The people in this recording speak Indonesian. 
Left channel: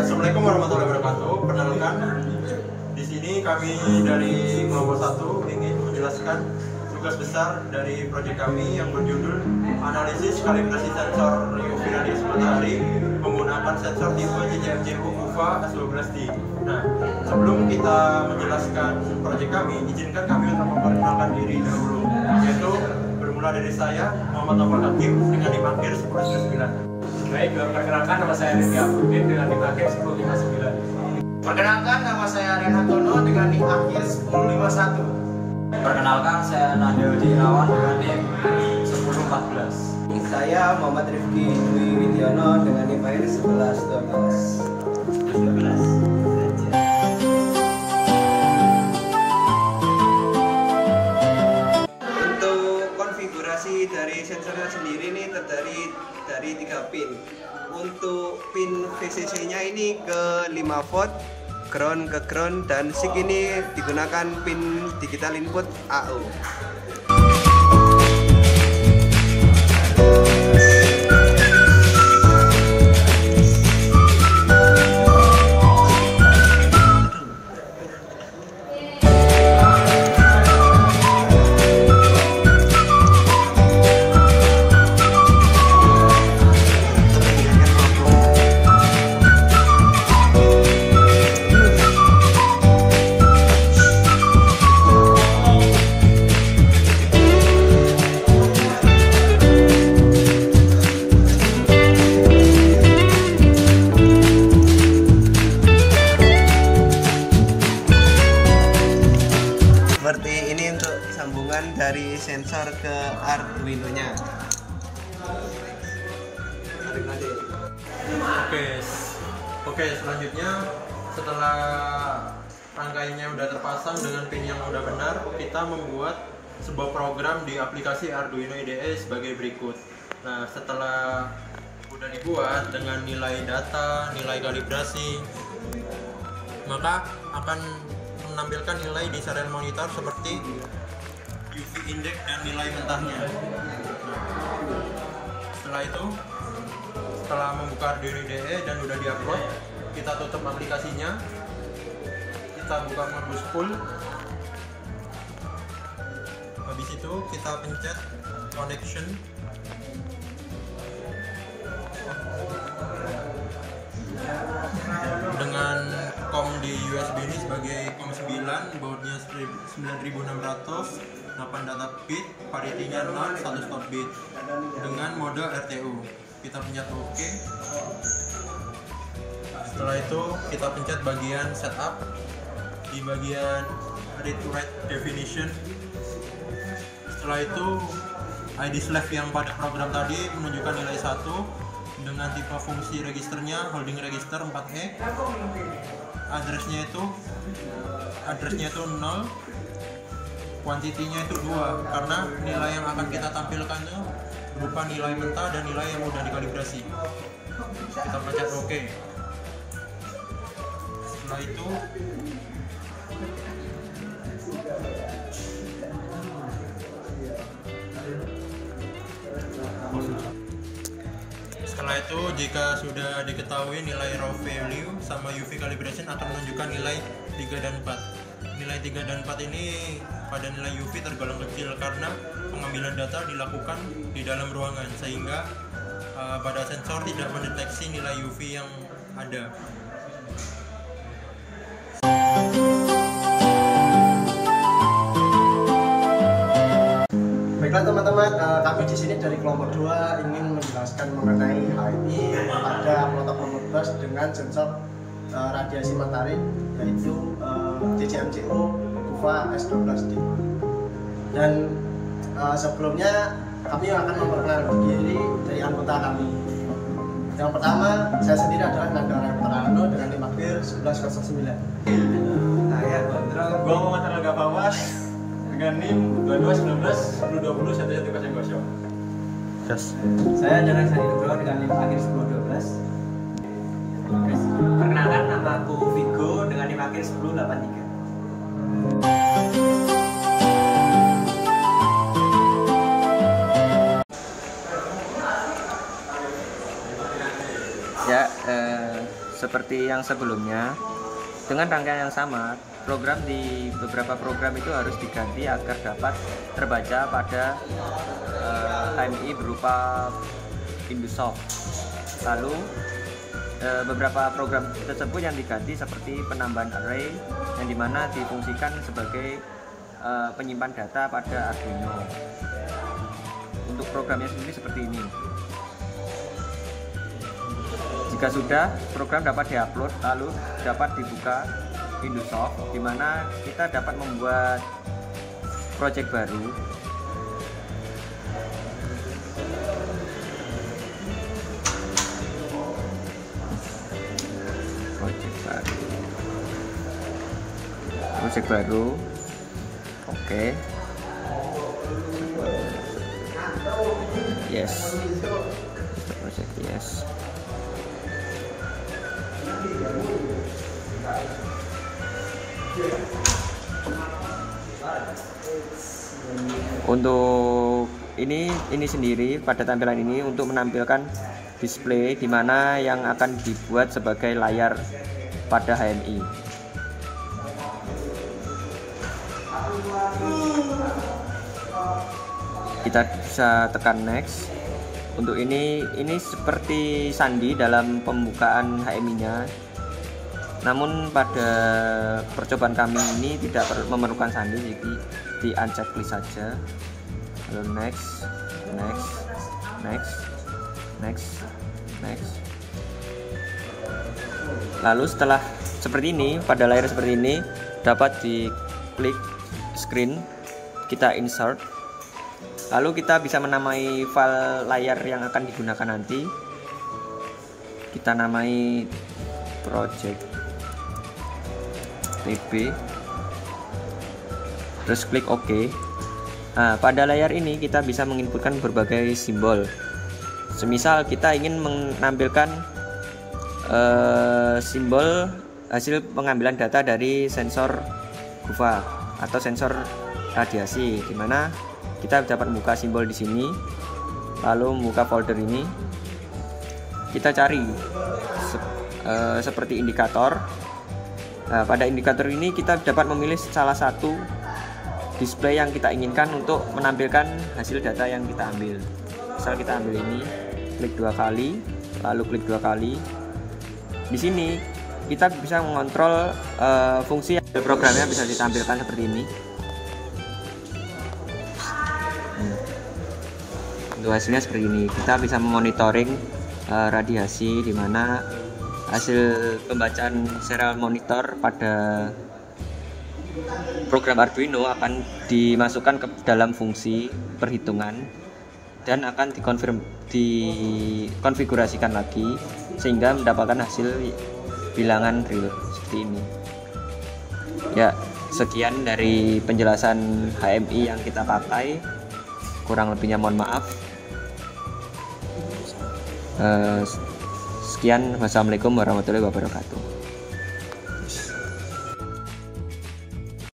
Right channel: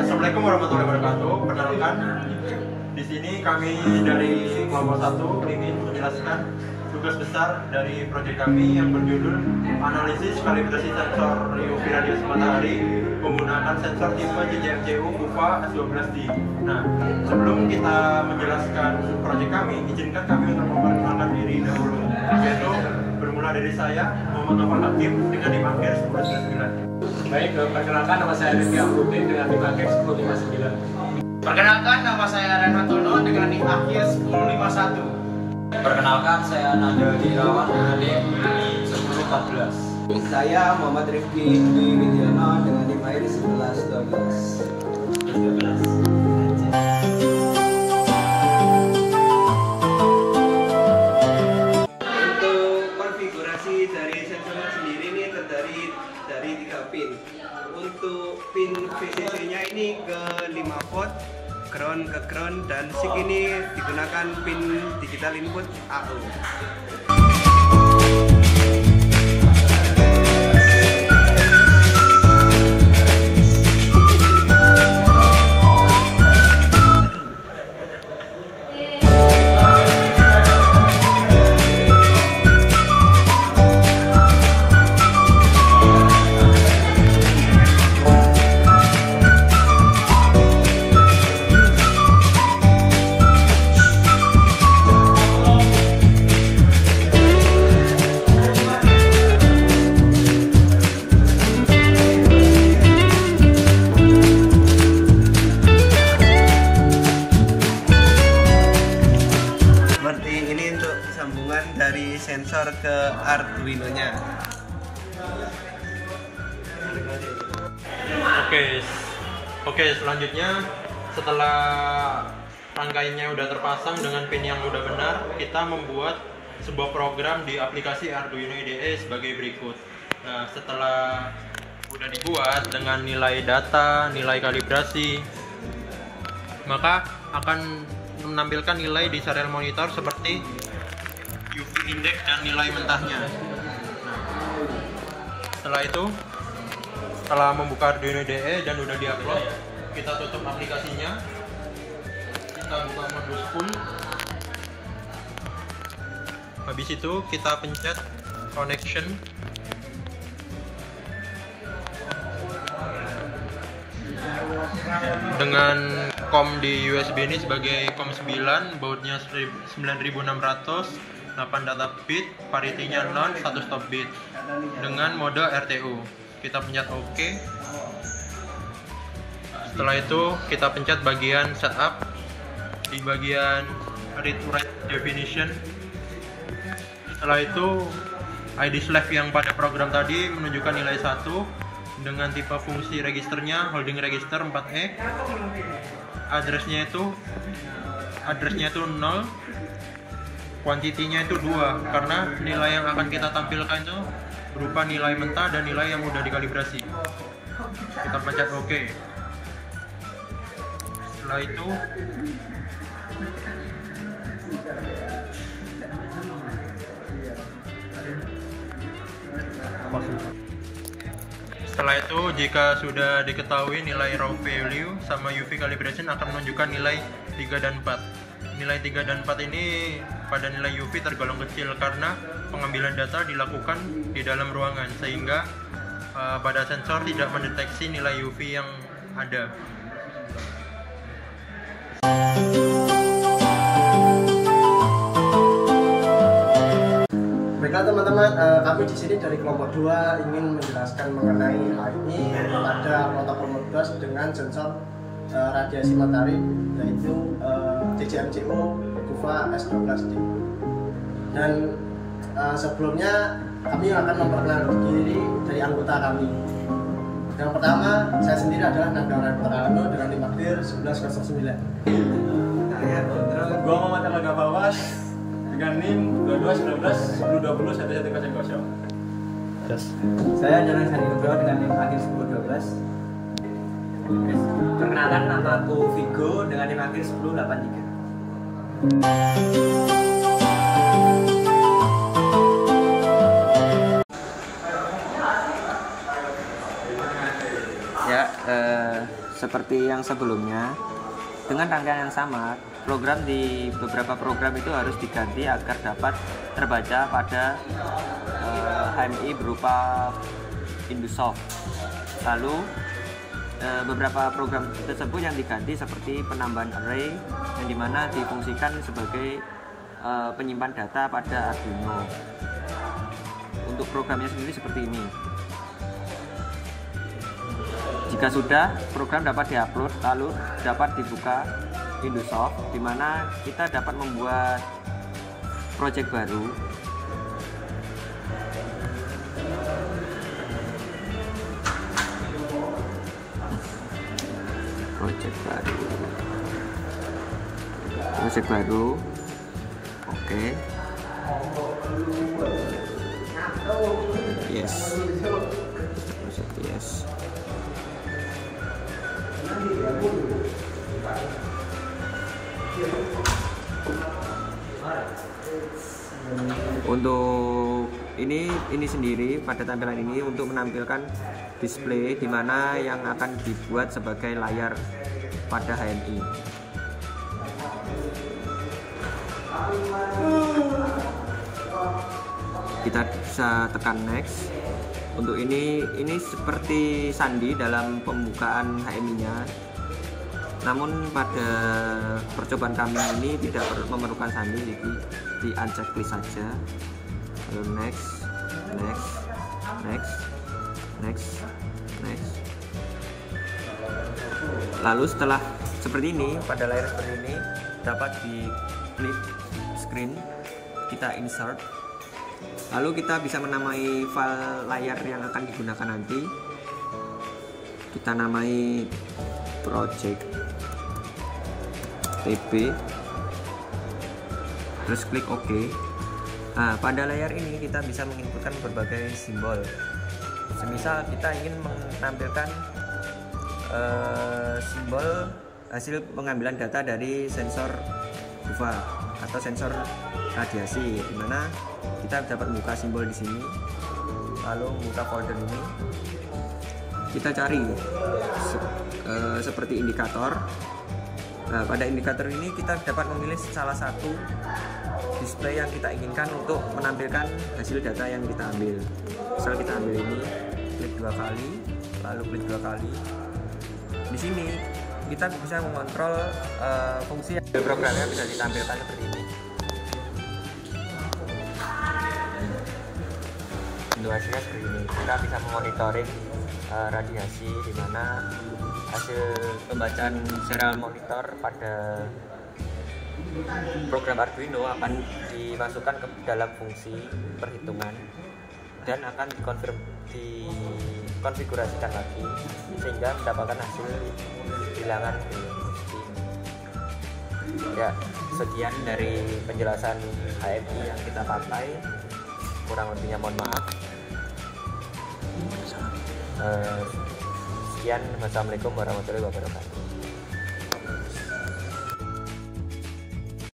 Assalamualaikum warahmatullahi wabarakatuh. Perkenalkan, di sini kami dari kelompok 1 ingin menjelaskan tugas besar dari proyek kami yang berjudul analisis kalibrasi sensor UV radiasi matahari menggunakan sensor tipe JJMCU UVA S12D. Nah, sebelum kita menjelaskan proyek kami, izinkan kami untuk memperkenalkan diri dahulu, yaitu bermula dari saya, Muhammad Novel Hakim, dengan NIM akhir 1059. Baik, perkenalkan nama saya Rizky Abdudin dengan NIM akhir 1059. Perkenalkan nama saya Renatono dengan NIM akhir 1051. Perkenalkan saya Nabil Irawan dengan NIM 1014. Saya Muhammad Rifki Dwi Widiono dengan NIM akhir 1112. Untuk konfigurasi dari sensornya sendiri ini terdiri dari 3 pin. Untuk pin VCC-nya ini ke 5 volt, ground ke ground, dan SIG ini digunakan pin digital input AU. Seperti ini untuk sambungan dari sensor ke Arduino-nya. Oke, selanjutnya setelah rangkaiannya udah terpasang dengan pin yang udah benar, kita membuat sebuah program di aplikasi Arduino IDE sebagai berikut. Nah, setelah udah dibuat dengan nilai data, nilai kalibrasi, maka akan menampilkan nilai di serial monitor seperti UV index dan nilai mentahnya. Setelah itu, setelah membuka Arduino IDE dan udah diupload, kita tutup aplikasinya, kita buka modus full. Habis itu kita pencet connection. Dengan COM di USB ini sebagai COM 9, bautnya 9600, 8 data bit, parity-nya 0, 1 stop bit dengan mode RTU. Kita pencet OK. Setelah itu kita pencet bagian setup. Di bagian read to write definition. Setelah itu ID slave yang pada program tadi menunjukkan nilai 1 dengan tipe fungsi registernya holding register 4E. Addressnya itu 0, kuantitinya itu 2, karena nilai yang akan kita tampilkan itu berupa nilai mentah dan nilai yang udah dikalibrasi. Kita pencet OK. Setelah itu jika sudah diketahui nilai raw value sama UV calibration akan menunjukkan nilai 3 dan 4. Nilai 3 dan 4 ini pada nilai UV tergolong kecil karena pengambilan data dilakukan di dalam ruangan, sehingga pada sensor tidak mendeteksi nilai UV yang ada. Baiklah teman-teman, kami di sini dari kelompok 2 ingin menjelaskan mengenai hal ini pada protokol Modbus dengan sensor radiasi matahari, yaitu JJMCU UVA S12D. Dan sebelumnya kami akan memperkenalkan diri dari anggota kami. Yang pertama, saya sendiri adalah Nanda Renatono dengan NIM akhir 1109. Saya Gondro, gua Muhammad Alga Fawas dengan NIM 2219 1020 1110. Saya Jonan Sandi Nugroho dengan NIM akhir 1012. Perkenalkan, nama aku Vigo dengan NIM akhir 1083. Ya, seperti yang sebelumnya dengan rangkaian yang sama. Program di beberapa program itu harus diganti agar dapat terbaca pada HMI berupa Indusoft. Lalu beberapa program tersebut yang diganti seperti penambahan array yang dimana difungsikan sebagai penyimpan data pada Arduino. Untuk programnya sendiri seperti ini. Jika sudah, program dapat diupload lalu dapat dibuka Indusoft, di mana kita dapat membuat project baru. Project baru. Oke. Yes. Project yes. Untuk ini sendiri pada tampilan ini untuk menampilkan display di mana yang akan dibuat sebagai layar pada HMI. Kita bisa tekan next. Untuk ini seperti sandi dalam pembukaan HMI-nya. Namun pada percobaan kami ini tidak memerlukan sandi, jadi di uncheck saja. Lalu next. Lalu setelah seperti ini, pada layar seperti ini dapat diklik screen, kita insert. Lalu kita bisa menamai file layar yang akan digunakan nanti. Kita namai project pb, terus klik OK. Nah, pada layar ini kita bisa menginputkan berbagai simbol. Semisal kita ingin menampilkan simbol hasil pengambilan data dari sensor GUVA atau sensor radiasi, di mana kita dapat membuka simbol di sini, lalu membuka folder ini. Kita cari seperti indikator. Nah, pada indikator ini kita dapat memilih salah satu display yang kita inginkan untuk menampilkan hasil data yang kita ambil. Misal kita ambil ini, klik 2 kali, lalu klik 2 kali. Di sini kita bisa mengontrol fungsi programnya bisa ditampilkan seperti ini. Untuk hasilnya seperti ini. Kita bisa memonitoring radiasi, di mana hasil pembacaan serial monitor pada program Arduino akan dimasukkan ke dalam fungsi perhitungan dan akan dikonfigurasikan lagi sehingga mendapatkan hasil bilangan real seperti ini. Ya, sekian dari penjelasan HMI yang kita pakai. Kurang lebihnya mohon maaf. Sekian, wassalamualaikum warahmatullahi wabarakatuh.